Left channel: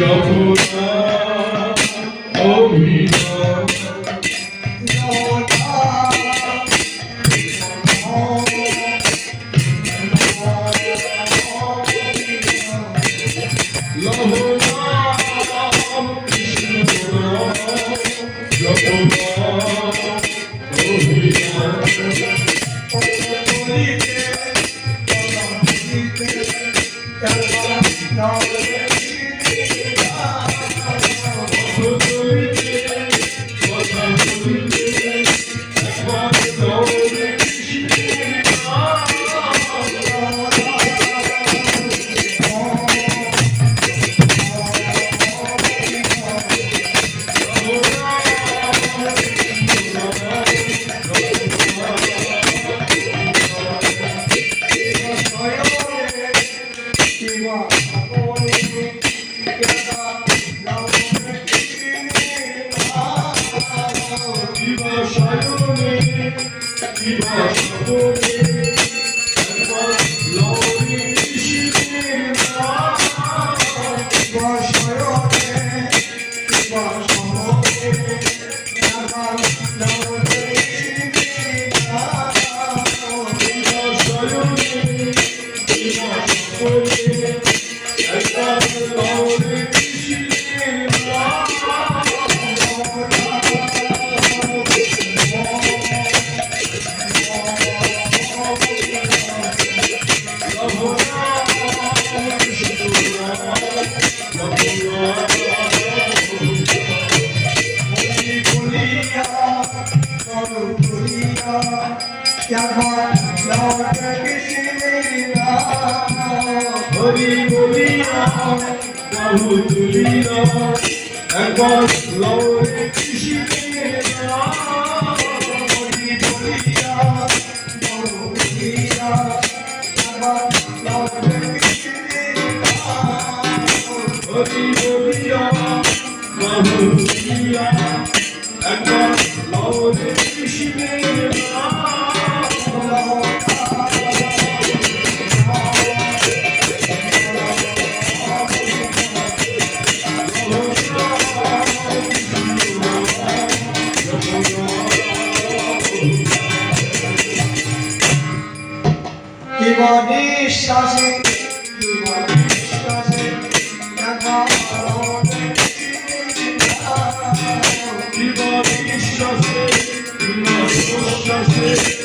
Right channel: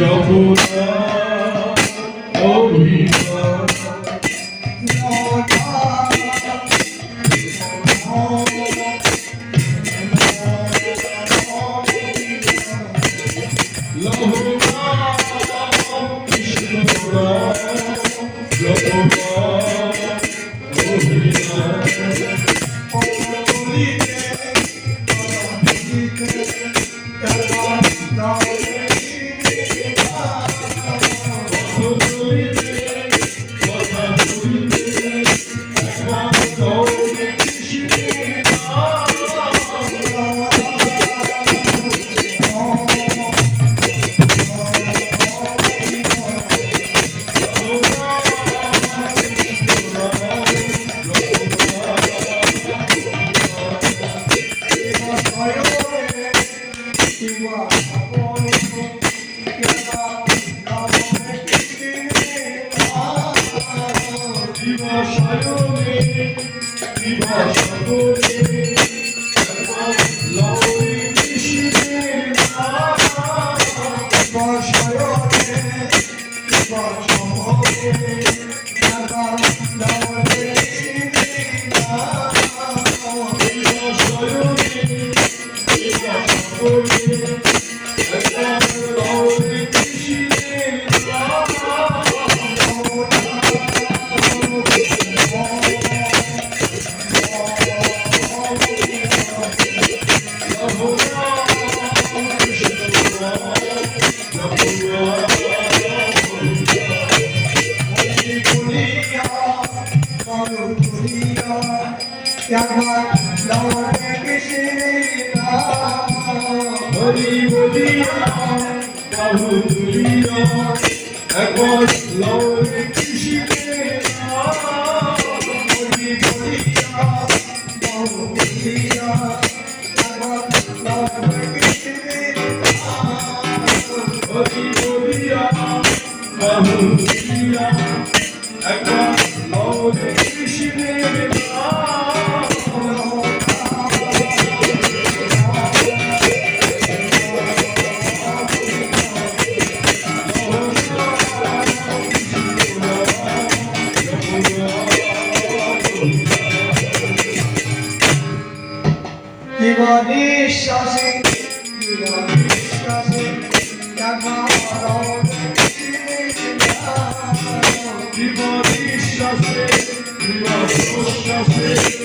যমুনা অভিমান লহনা কৃষ্ণ যমুনা হরি বলিয়া বাহু তুলিয়া একবার কৃষ্ণের নাম হরি বলিয়া হরি বলিয়া বাহু তুলিয়া একবার লহরী কৃষ্ণের দিবানিশ্বাসে দিবানিশ্বাসে বিশ্বাসে বিশ্বাসে।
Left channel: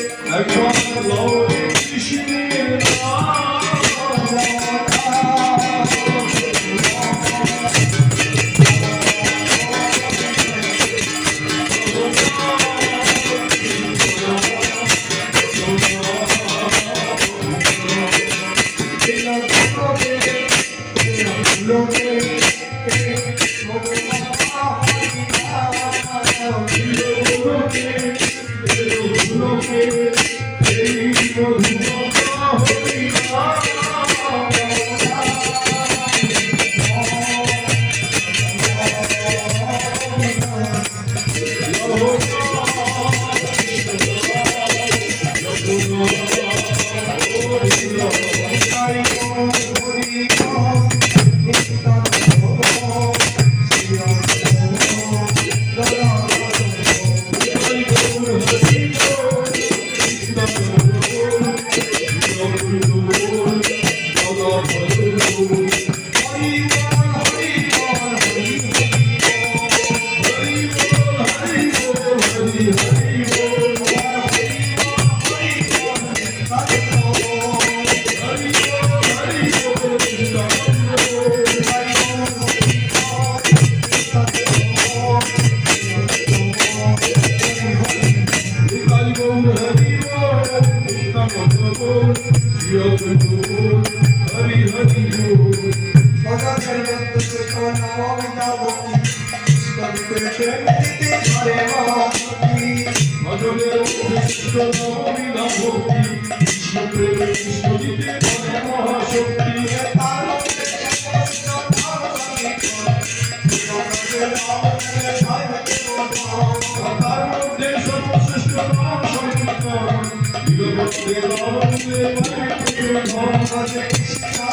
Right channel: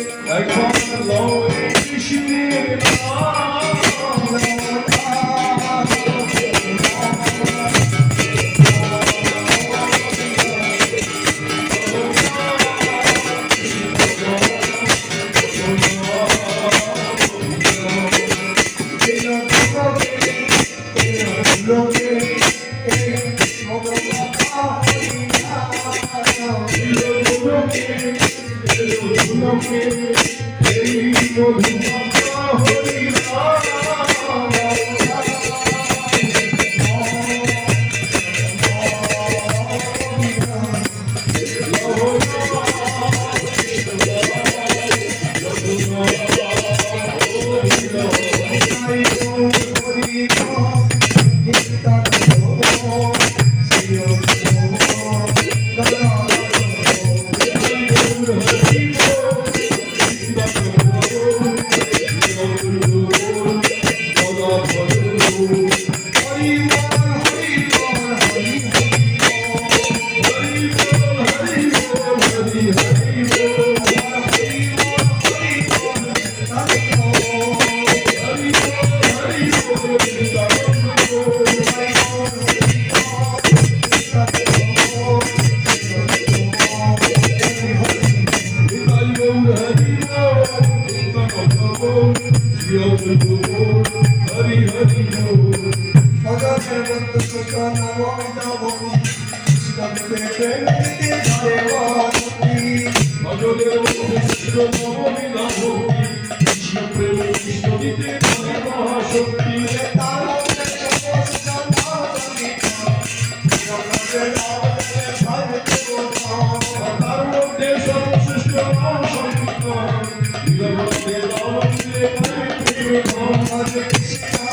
হরি হরি ভজলে কৃষ্ণ নবমীলা ভক্তি কৃষ্ণ Hare Om Hare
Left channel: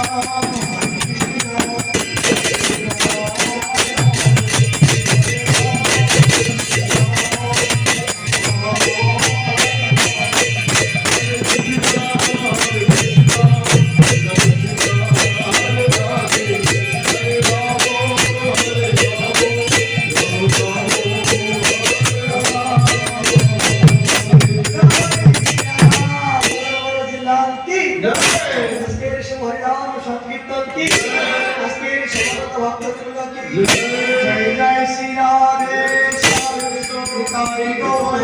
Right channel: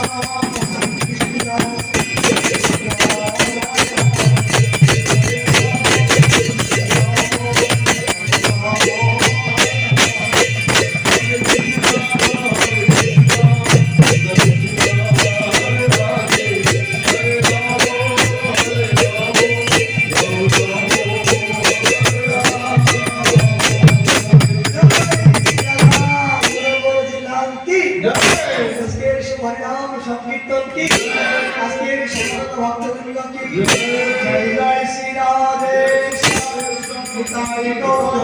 সংকীর্তন কি? আজকের সমবেত ভক্তবৃন্দ কি? জয় জয় শ্রী রাধে নিতাই গৌর